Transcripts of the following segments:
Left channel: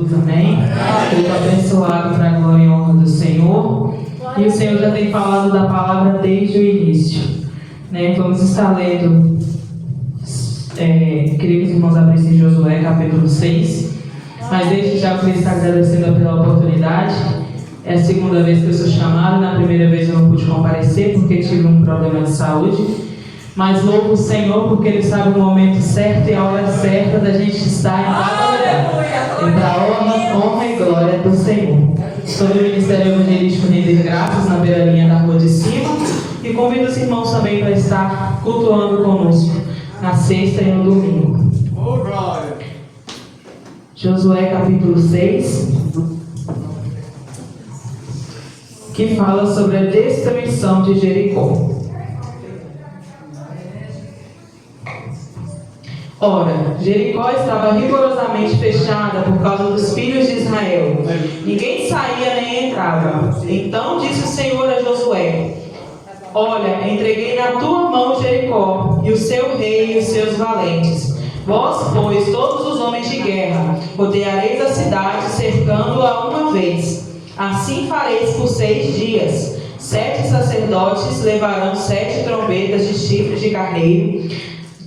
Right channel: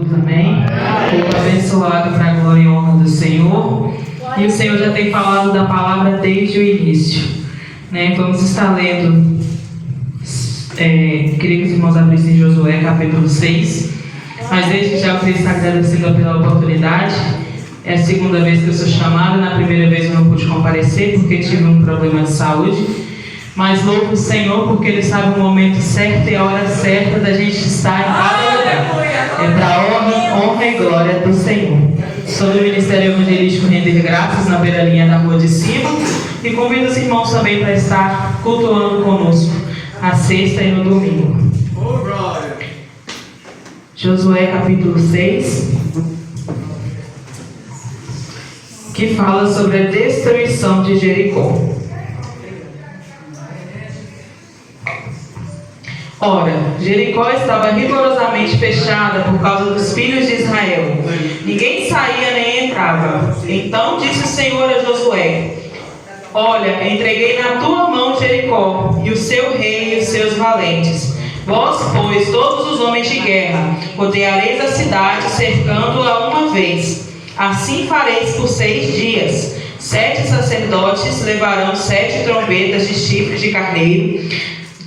Amém? Povo abençoado para a glória e honra do Senhor. E o Senhor já tem falado da palavra desde o início, né? Vamos estar lendo, queria que os irmãos abrissem Josué capítulo 6. Mas desde já eu queria estar agradecendo pela oportunidade. É a segunda vez que eu sou chamada. Na primeira vez eu não pude comparecer porque tive um problema de saúde. Mas louvo o Senhor porque Ele sabe o momento certo e a hora certa da gente estar em cada lugar. É para a honra e glória do Senhor. Sou do Ministério Evangelístico Render Graças na beira-linha da rua de cima. E convido os irmãos também para estar cultuando conosco na sexta e no domingo. Josué capítulo 6, que fala sobre a destruição de Jericó. Ora, Jericó estava rigorosamente fechada por causa dos filhos de Israel. Ninguém saía nem entrava. Então disse o Senhor a Josué: Olha, entreguei na tua mão Jericó, e o seu rei e os seus valentes. Vós, pois, todos os homens de guerra, rodeareis a cidade, cercando-a uma vez. Assim fareis por 6 dias. 7 sacerdotes levarão 7 trombetas de chifre de carneiro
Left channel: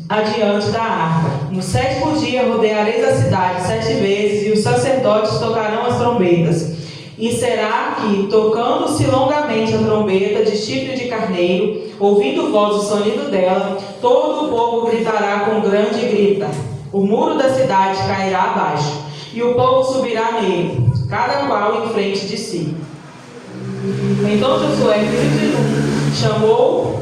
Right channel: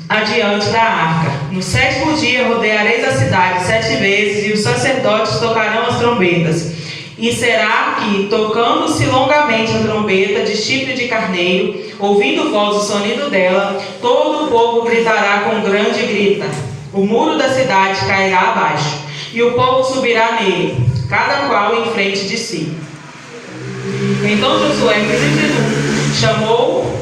adiante da arca. No 7º dia rodeareis a cidade 7 vezes, e os sacerdotes tocarão as trombetas. E será que, tocando-se longamente a trombeta de chifre de carneiro, ouvindo vós o sonido dela, todo o povo gritará com grande grita. O muro da cidade cairá abaixo, e o povo subirá nele, cada qual em frente de si. Então Josué, filho de Nun, chamou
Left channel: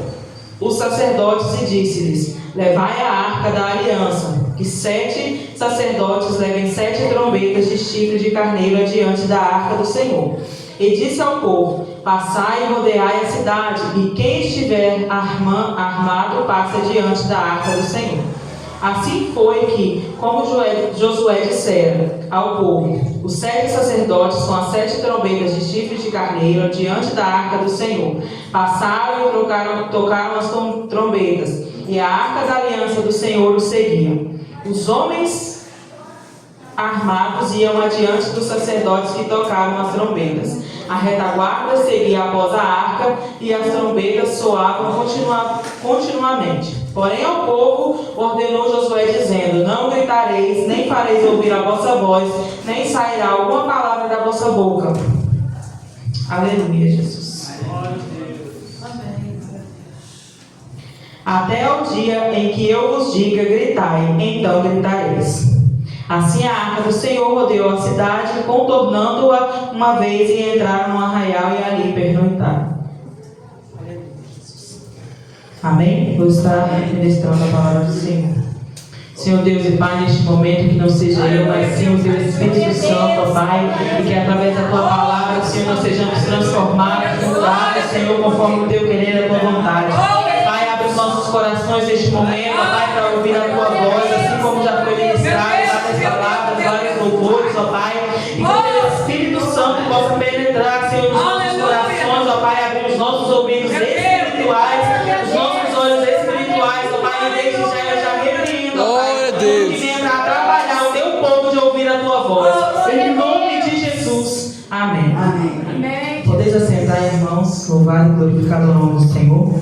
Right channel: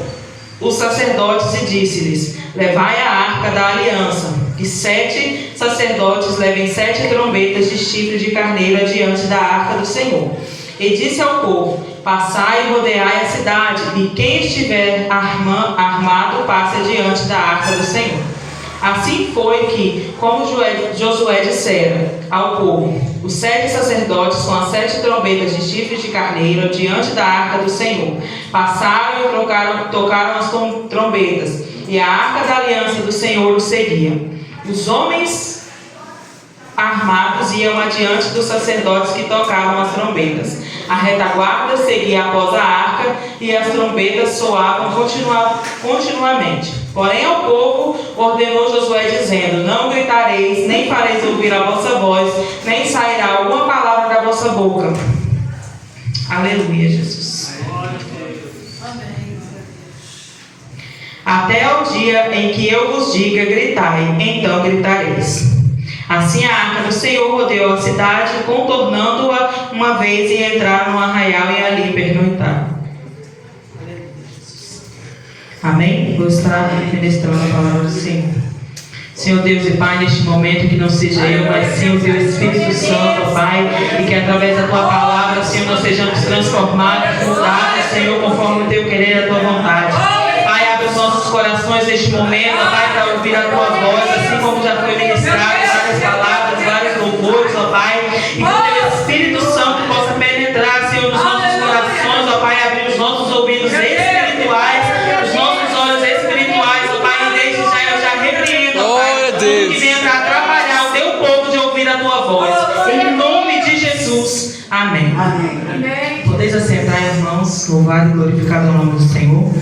os sacerdotes e disse-lhes: Levai a arca da aliança, e 7 sacerdotes levem 7 trombetas de chifre de carneiro adiante da arca do Senhor. E disse ao povo: Passai e rodeai a cidade, e quem estiver armado passe adiante da arca do Senhor. Assim foi que, como Josué dissera ao povo, os 7 sacerdotes com as 7 trombetas de chifre de carneiro diante da arca do Senhor passaram e tocaram as trombetas, e a arca da aliança do Senhor os seguia. Os homens armados iam adiante dos sacerdotes que tocavam as trombetas. A retaguarda seguia após a arca, e as trombetas soavam continuamente. Porém ao povo ordenou Josué dizendo: Não gritareis, nem fareis ouvir a vossa voz, nem sairá alguma palavra da vossa boca. Aleluia, Jesus. Amém. Até ao dia em que eu vos diga: gritai, então gritareis. Assim a arca do Senhor rodeou a cidade, contornando-a uma vez, e entraram no arraial e ali pernoitaram. Amém? Vou estar ministrando a palavra do Senhor. Senhor Deus e Pai, neste momento, que não seja eu, mas sim o Teu Espírito Santo, Pai, e que através da Tua palavra, Senhor, nós sejamos transformados, mudados, Senhor, conforme o Teu querer e a Tua vontade. Pai, abre os nossos corações neste momento, Pai, para ouvir a Tua voz, assim como já foi ministrado, várias palavras, vários louvores, ó Pai, e que o Teu Espírito Santo possa penetrar, Senhor, nos nossos corações, ó Pai, abrir os nossos ouvidos espirituais, os nossos olhos espirituais, ó Pai, e desde já eu já repreendo, ó Pai, tudo que venha para atrapalhar o Teu povo de ouvir a Tua voz, em nome de Jesus, amém. Amém. Podeis assentar, irmãos, louvado e glorificado o nome do Senhor.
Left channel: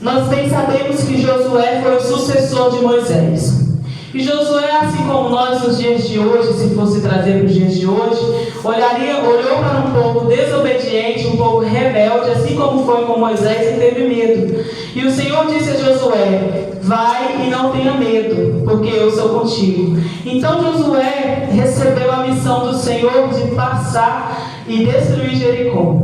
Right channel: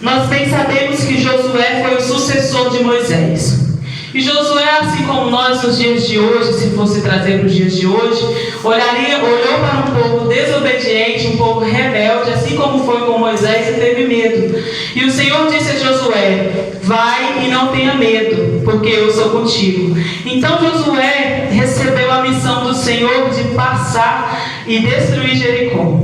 Nós bem sabemos que Josué foi o sucessor de Moisés. E Josué, assim como nós nos dias de hoje, se fosse trazer para os dias de hoje, olhou para um povo desobediente, um povo rebelde, assim como foi com Moisés, e teve medo. E o Senhor disse a Josué: vai e não tenha medo, porque eu sou contigo. Então Josué recebeu a missão do Senhor de passar e destruir Jericó,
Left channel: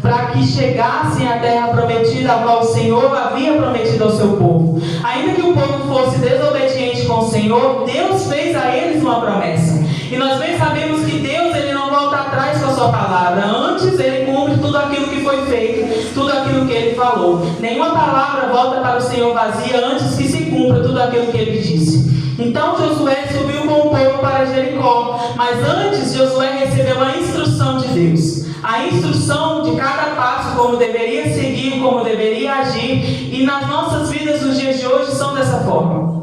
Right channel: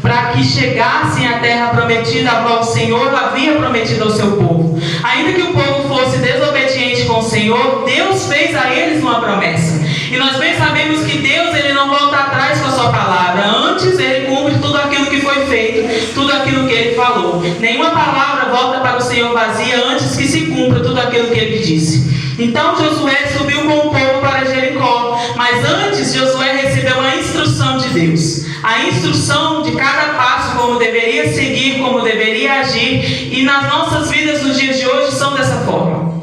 para que chegassem à terra prometida, a qual o Senhor havia prometido ao seu povo. Ainda que o povo fosse desobediente com o Senhor, Deus fez a eles uma promessa. E nós bem sabemos que Deus, Ele não volta atrás com a sua palavra. Antes, Ele cumpre tudo aquilo que foi feito, tudo aquilo que Ele falou. Nenhuma palavra volta para o Senhor vazia antes que se cumpra tudo aquilo que Ele disse. Então Josué subiu com o povo para Jericó, mas antes Josué recebeu a instrução de Deus. A instrução de cada passo, como deveria seguir, como deveria agir, e nas nossas vidas nos dias de hoje são dessa forma.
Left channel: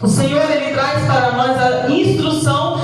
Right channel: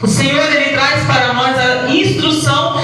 O Senhor, Ele traz para nós a instrução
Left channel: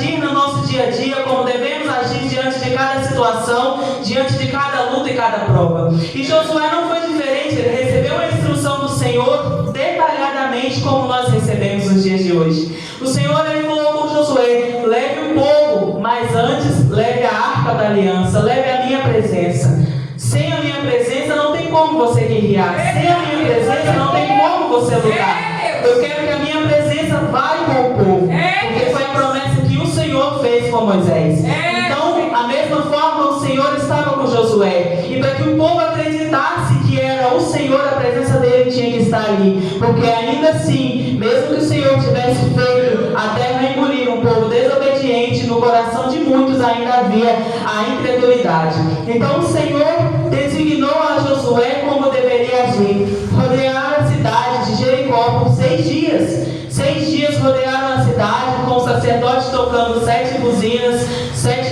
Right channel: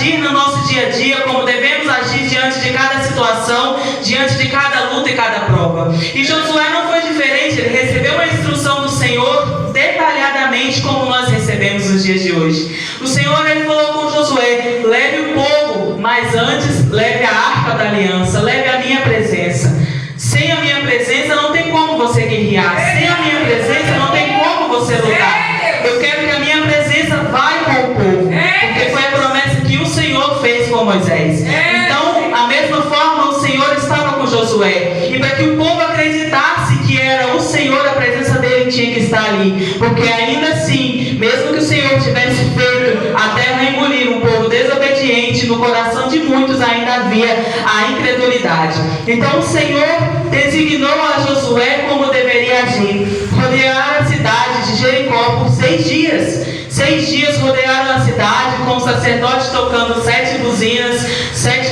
agir no nosso dia a dia, como devemos agir diante de cada situação, diante de cada luta e cada prova. E Josué não foi diferente, ele recebeu uma instrução do Senhor detalhadamente, como nós recebemos nos dias de hoje. O Senhor, ele falou com Josué: leve o povo, mas antes leve a arca da aliança, leve a minha presença. Sem a minha presença não tem como você guerrear, sem a minha presença não tem como você lutar. Eu quero que a minha presença vá com o povo, porque foi a promessa que o Senhor fez com Moisés. Então, a mesma forma, o Senhor estava com Josué, e para que o povo acreditasse que era o Senhor, a presença dele tinha que estar ali, porque ainda assim, mesmo que o Senhor tivesse feito a terra engolir um povo desobediente, no coração de muitos ainda havia a incredulidade. Então o Senhor designou a Josué como deveria agir. Rodearam a cidade de Jericó por 6 dias. 6 dias rodearam a cidade, com o sacerdote tocando 7 buzinas, 7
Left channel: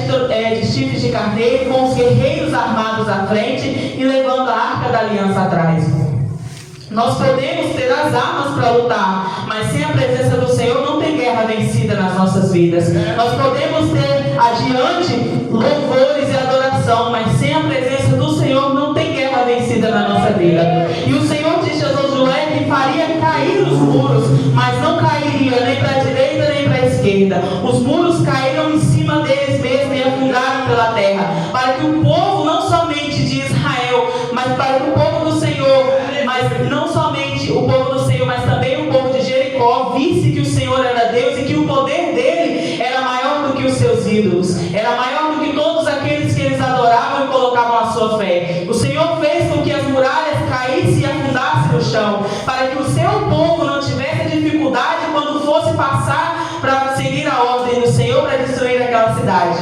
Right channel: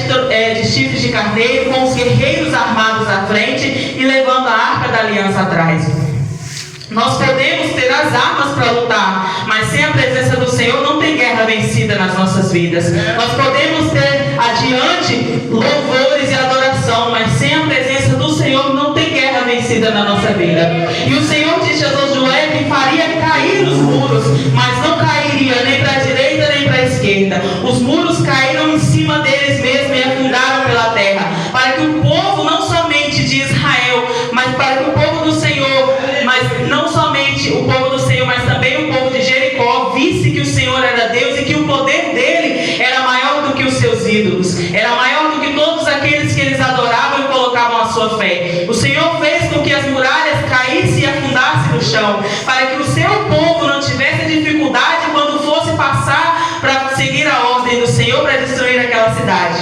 de chifres de carneiro, com os guerreiros armados à frente e levando a arca da aliança atrás. Nós podemos ter as armas para lutar, mas sem a presença do Senhor não tem guerra vencida nas nossas vidas. Nós podemos ter adiante louvores e adoração, mas sem a presença do Senhor não tem guerra vencida na nossa vida. E o Senhor disse a Josué que faria cair os muros, mas não cairia nem para a direita nem para a esquerda. Os muros caíram em cima deles mesmos e afundaram pela terra, para que o povo, não somente de Israel, mas para que o povo do Senhor, mas não somente o povo do Senhor, mas também o povo de Jericó, visse que o Senhor era Deus e que o poder dele era maior do que os seus ídolos, era maior do que todos aqueles que eles adoravam e colocavam a sua fé. O Senhor fez com que as muralhas caíssem e afundassem no chão, para que o seu povo não tivesse dificuldade quando fosse passar para seguir a ordem do Senhor para destruir aquela cidade.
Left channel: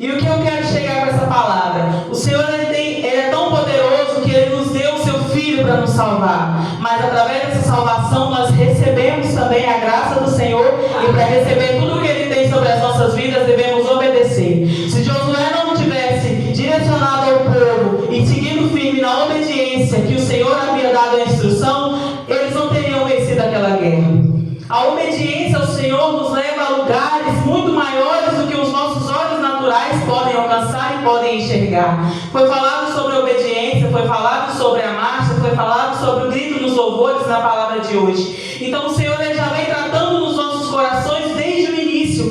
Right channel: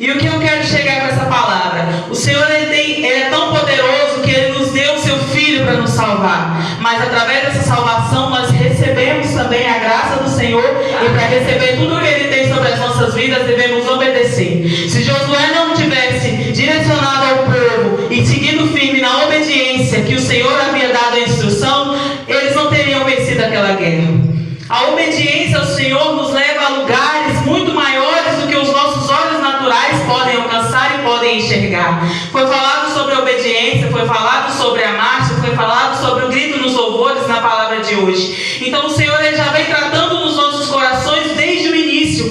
E o que eu quero chegar com essa palavra? O Senhor ele é tão poderoso que Ele nos deu o seu Filho para nos salvar. Mas através dessa salvação nós recebemos também a graça do Senhor. E para receber tudo o que Ele tem sobre as nossas vidas, devemos obedecer. Se Josué não tivesse direcionado ao povo e seguido firme na obediência que o Senhor havia dado a instrução, eles não teriam vencido aquela guerra. A obediência ao Senhor nos leva a lugares muito maiores do que os nossos olhos naturais podem alcançar e podem enxergar. Foi falado sobre a obediência, foi falado sobre a marcha, foi falado sobre o grito nos louvores na palavra de hoje. Então o Senhor ele já vem tratando nos nossos corações desde o início.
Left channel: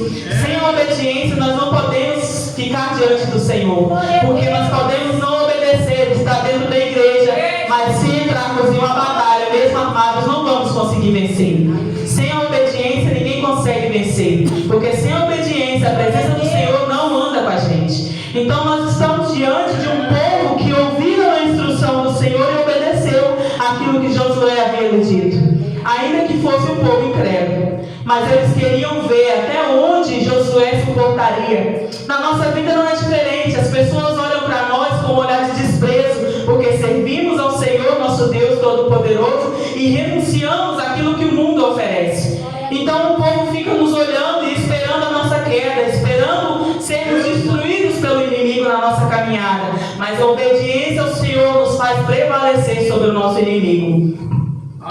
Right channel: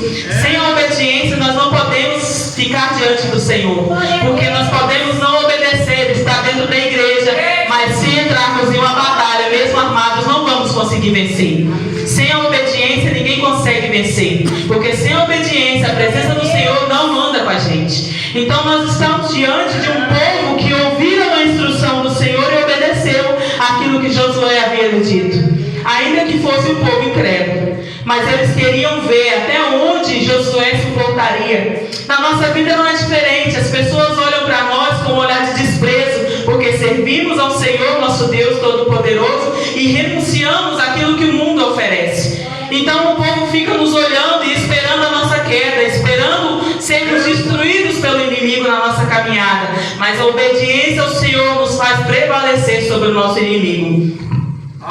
Sem a obediência nós não podemos ficar diante do Senhor, porque nós podemos não obedecer, estar dentro da igreja, mas se entrarmos em uma batalha, mesmo armados, não vamos conseguir vencer. Sem a obediência ninguém consegue vencer, porque sem a obediência a presença do Senhor não anda com a gente. Então nós estamos diante de um povo que ouviram a instrução do Senhor e obedeceu aquilo que Josué havia lhe dito, ainda que fosse um povo incrédulo. Mas eles queriam ver até onde Josué suportaria. Na nossa vida não é diferente. As pessoas olham para nós com um olhar de desprezo, porque servimos ao Senhor, nosso Deus Todo-Poderoso, e renunciamos àquilo que o mundo oferece. Então o povo fica nos olhando e esperando a nossa queda, esperando sermos destruídos pelo inimigo na nossa caminhada. Mas a obediência ao Senhor nos faz prevalecer sobre o nosso inimigo.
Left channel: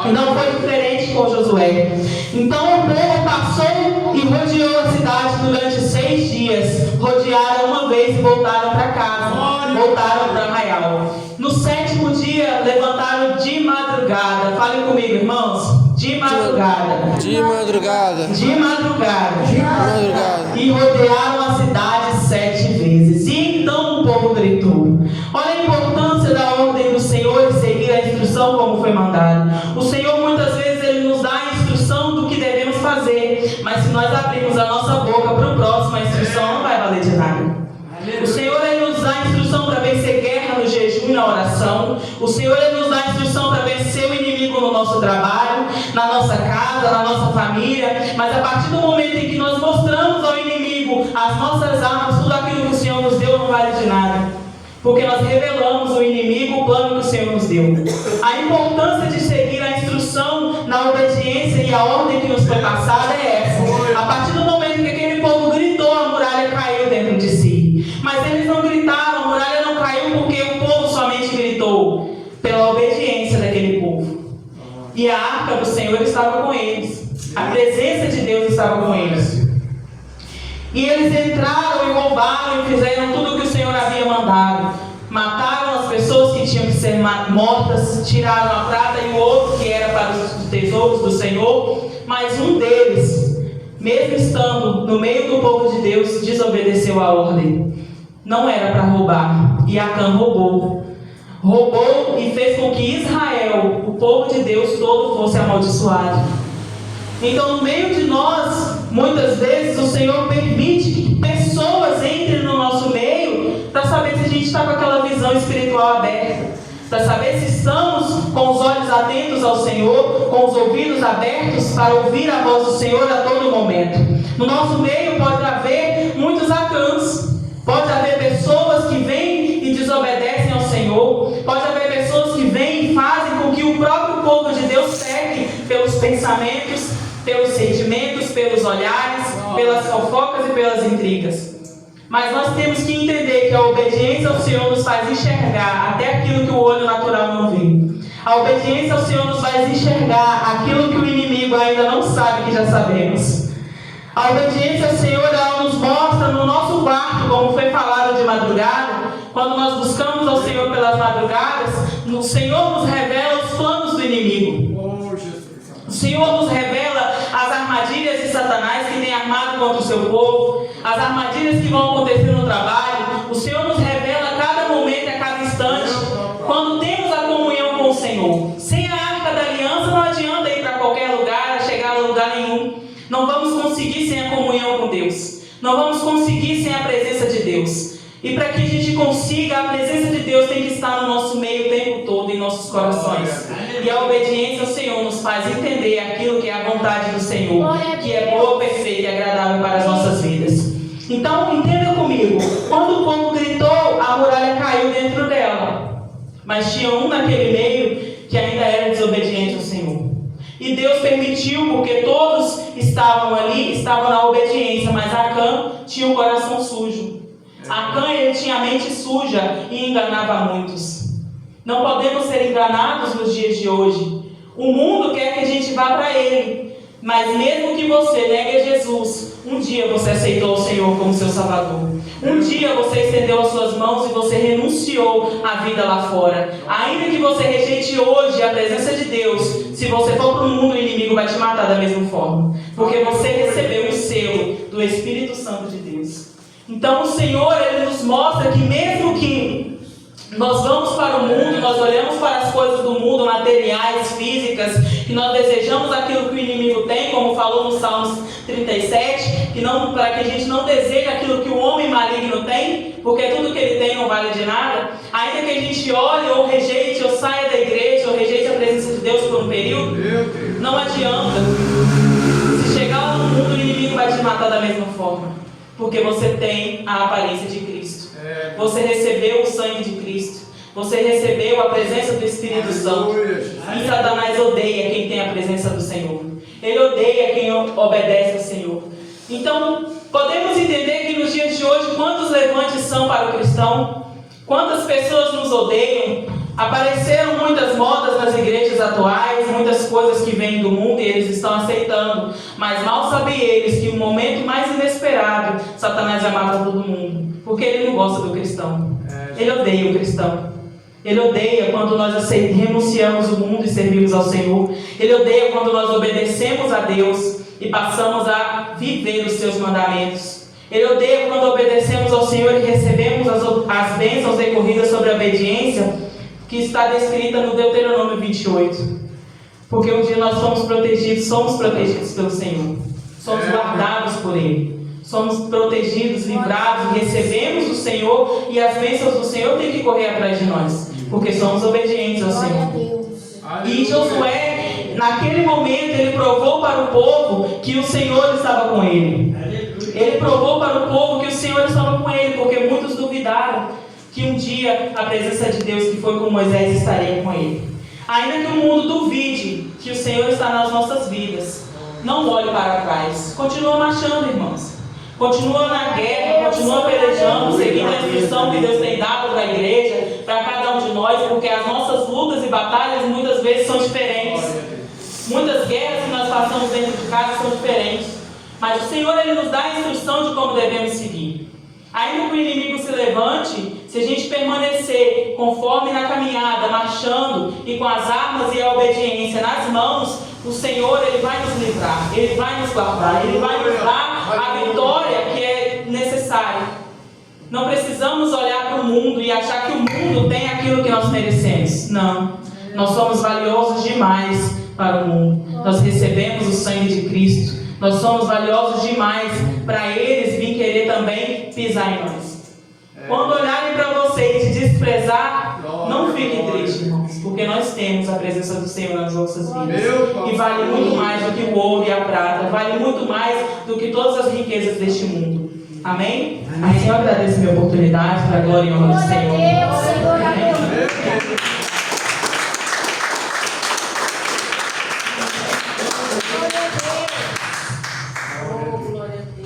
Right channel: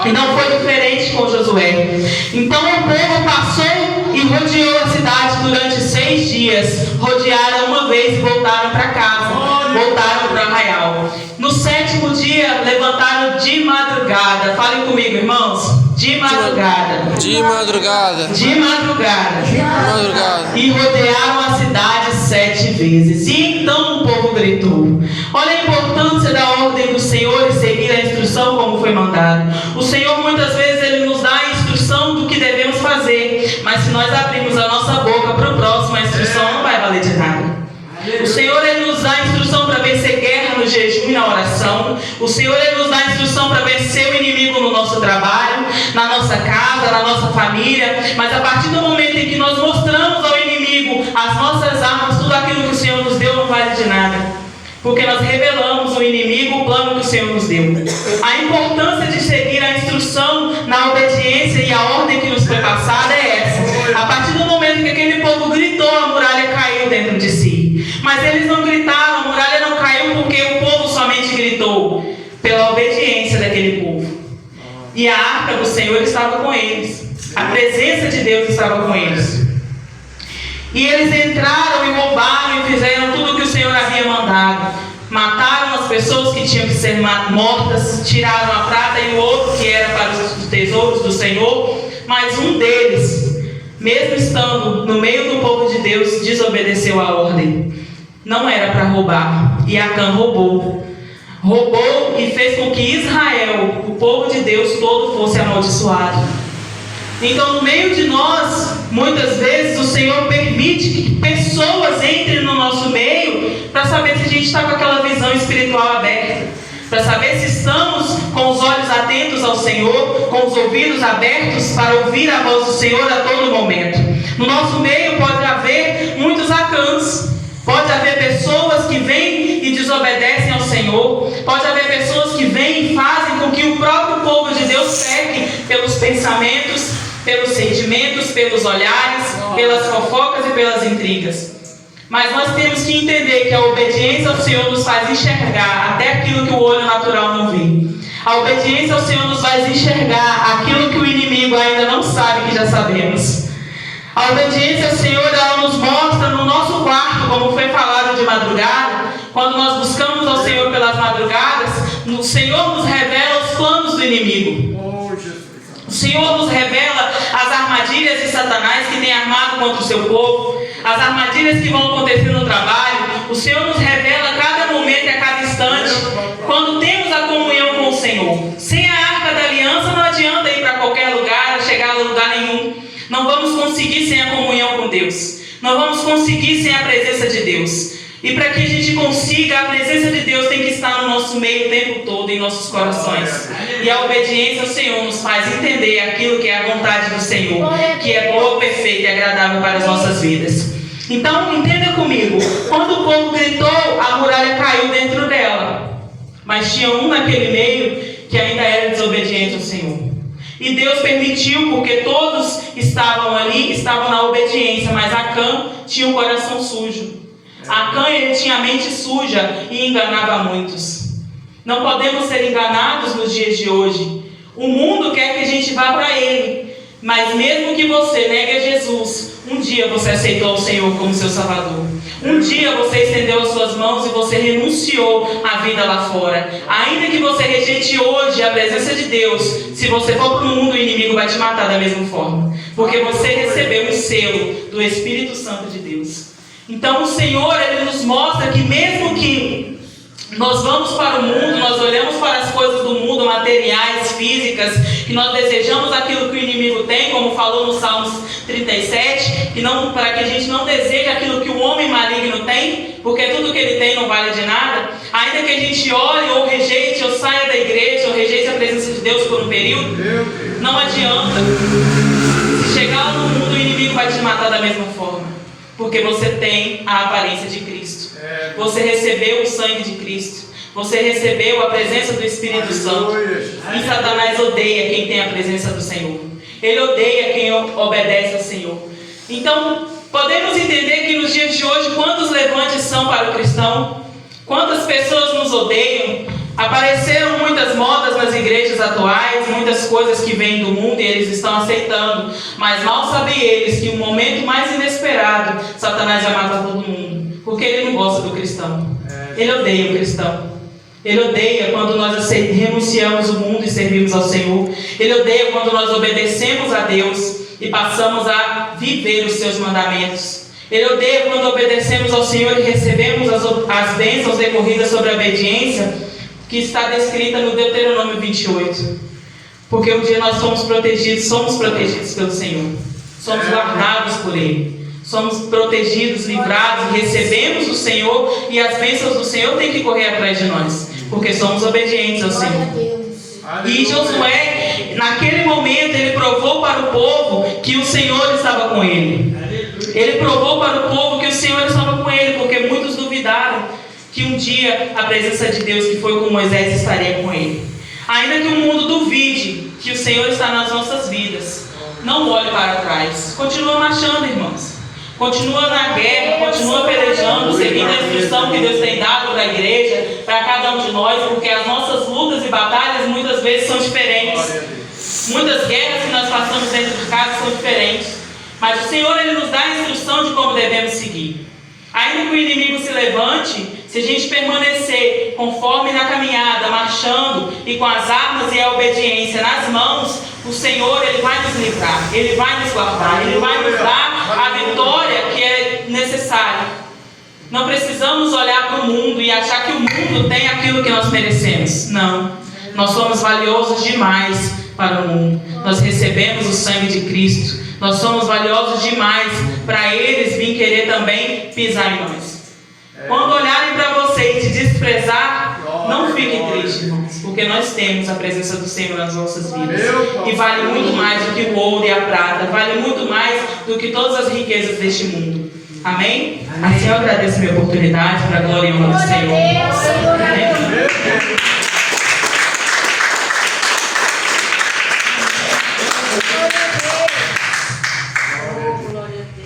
E não foi diferente com Josué. Então o povo passou e rodeou a cidade durante 6 dias. Rodearam uma vez e voltaram para casa. Voltaram para o arraial. No 7º dia, levantaram de madrugada. Falem comigo, irmãos. De madrugada. De madrugada. De madrugada. De madrugada. E rodearam a cidade 7 vezes. E então o povo gritou. Olha a importância da ordem do Senhor e seguir a instrução como foi mandado. O Senhor muitas vezes ele nos dá a instrução do que devemos fazer, mas se nós abrirmos a nossa boca para o próximo, a instrução não vai valer de nada. O Senhor ele nos dá a instrução para vencer guerra no jejum e na oração. O Senhor ele nos dá a instrução para vencer o inimigo no nosso trabalho, na nossa casa, na nossa família. Mas a partir do momento em que nós mostramos ao inimigo as nossas armas, tudo aquilo que o Senhor nos deu não vale de nada. Porque nós revelamos ao inimigo o plano que o Senhor nos deu. A importância de seguir a instrução na obediência e a ordem que nos foi passada é essa. A partir do momento que aquele povo gritou, a muralha caiu dentro de si. Mas eles não gritaram, a muralha não caiu porque o povo somente gritou. Pela obediência daquele povo. E a arca do Senhor estava com eles. A presença de Deus estava com eles. E eles entraram e roubaram e fizeram tudo o que o Senhor havia mandado. Mataram as pessoas que tinham que ser mortas, tiraram a prata e o ouro que era para os tesouros do Senhor. Mas um deles, mesmo estando no meio do povo de Deus, desobedeceu a ordem. Não era para roubar. E Acã roubou. Roubou e fez com que Israel, o povo de Deus todo, fosse amaldiçoado. Então, no meio de nós, muitas vezes o Senhor permite que pessoas entrem no nosso meio para saber se a gente está com aquela visão espiritual aberta, para saber se estamos com os olhos atentos ao Senhor, com os ouvidos abertos para ouvir a voz do Senhor a todo momento. No nosso meio pode haver muitos Acãs, pode haver pessoas que vêm e desobedecem ao Senhor, pode haver pessoas que vêm e fazem com que o próprio povo de Deus peque pelos pensamentos, pelos sentimentos, pelos olhares, pelas fofocas e pelas intrigas. Mas nós temos que entender que a obediência ao Senhor nos faz enxergar até aquilo que o olho natural não vê. A obediência ao Senhor nos faz enxergar aquilo que o inimigo ainda não sabe que já sabemos. A obediência ao Senhor, ela nos mostra no nosso quarto, como foi falado de madrugada. Quando nós buscamos ao Senhor pelas madrugadas, o Senhor nos revela os planos do inimigo. O Senhor nos revela as armadilhas de Satanás que tem armado contra o seu povo, as armadilhas que vão acontecer no trabalho. O Senhor nos revela a cada momento e a cada instante, quando temos a comunhão com o Senhor. Sem a arca da aliança não adianta ir para qualquer lugar, chegar a lugar nenhum. Não vamos conseguir sem a comunhão com Deus. Não vamos conseguir sem a presença de Deus. E para que a gente consiga, a presença de Deus tem que estar no nosso meio o tempo todo, em nossos corações. E a obediência ao Senhor nos faz entender aquilo que é a vontade do Senhor, que é boa, perfeita e agradável para as nossas vidas. Então, entenda comigo, quando o povo gritou, a muralha caiu dentro dela. Mas tinha um naquele meio que ainda era desobediente ao Senhor. E Deus permitiu, porque todos estavam ali, estavam na obediência, mas Acã tinha um coração sujo. Acã, ele tinha a mente suja e enganava muitos. Não podemos ser enganados nos dias de hoje. O mundo quer que a gente vá para ele, mas mesmo que você negue a Jesus, um dia você aceitou o Senhor como seu Salvador. Um dia você estendeu as suas mãos e você renunciou à vida lá fora. Ainda que você rejeite hoje a presença de Deus, se você for para o mundo, o inimigo vai te matar da mesma forma, porque você recebeu o selo do Espírito Santo de Deus. Então o Senhor, ele nos mostra que mesmo que nós vamos para o mundo, nós olhamos para as coisas do mundo, materiais, físicas, que nós desejamos aquilo que o inimigo tem, como falou no Salmos 37, para que a gente não deseje aquilo que o homem maligno tem, porque tudo que ele tem não vale de nada. Ainda que a gente olhe ou rejeite, ou saia da igreja, ou rejeite a presença de Deus por um período, não adianta. Se chegar no mundo, o inimigo vai te matar da mesma forma. Porque você tem a aparência de Cristo. Você recebeu o sangue de Cristo. Você recebeu a presença do Espírito Santo. E Satanás odeia quem tem a presença do Senhor. Ele odeia quem obedece ao Senhor. Então, podemos entender que nos dias de hoje, quantos levantes são para o cristão? Quantas pessoas nos odeiam? Apareceram muitas modas nas igrejas atuais, muitas coisas que vêm do mundo e eles estão aceitando. Mas mal sabem eles que no momento mais inesperado, Satanás vai matar todo mundo. Porque ele não gosta do cristão. Ele odeia o cristão. Ele odeia quando nós renunciamos o mundo e servimos ao Senhor. Ele odeia quando nós obedecemos a Deus e passamos a viver os seus mandamentos. Ele odeia quando obedecemos ao Senhor e recebemos as bênçãos decorridas sobre a obediência, que está descrita no Deuteronômio 28. Porque um dia nós somos protegidos pelo Senhor. Somos guardados por Ele. Somos protegidos, livrados, recebemos o Senhor e as bênçãos do Senhor têm que correr atrás de nós, porque somos obedientes ao Senhor. E Josué, naquele momento, ele provou para o povo que o Senhor estava com ele. Ele provou para o povo que o Senhor estava com ele, porque muitos duvidaram que um dia a presença de Deus que foi com Moisés estaria com ele. Ainda que o mundo duvide que o Senhor está nas nossas vidas, não olhe para trás. Continua marchando, irmãos. Continua na guerra, continua pelejando, seguindo a instrução que Deus tem dado para a igreja, para cada um de nós, porque as nossas lutas e batalhas muitas vezes são diferentes. Muitas guerras que nós passamos dentro de casa são diferentes. Mas o Senhor, Ele nos dá a instrução de como devemos Se a gente permanecer conforme na caminhada, marchando e com as armas e a obediência nas mãos, o Senhor, Ele vai nos livrar, Ele vai nos guardar, Ele vai nos dar a vitória que é necessária. Não precisamos olhar para o mundo e achar que o mundo tem aquilo que nós merecemos. Não. Nós somos valiosos demais para o mundo. Nós recebemos o sangue de Cristo. Nós somos valiosos demais para eles vir querer também pisar em nós. Quando olharem para você e te desprezar, não fiquem tristes, irmãos, porque nós temos a presença do Senhor nas nossas vidas. E vale muito mais do que o ouro e a prata. Vale muito mais do que todas as riquezas deste mundo. Amém? Assim eu agradeço a minha oportunidade para a glória e honra do Senhor. Amém?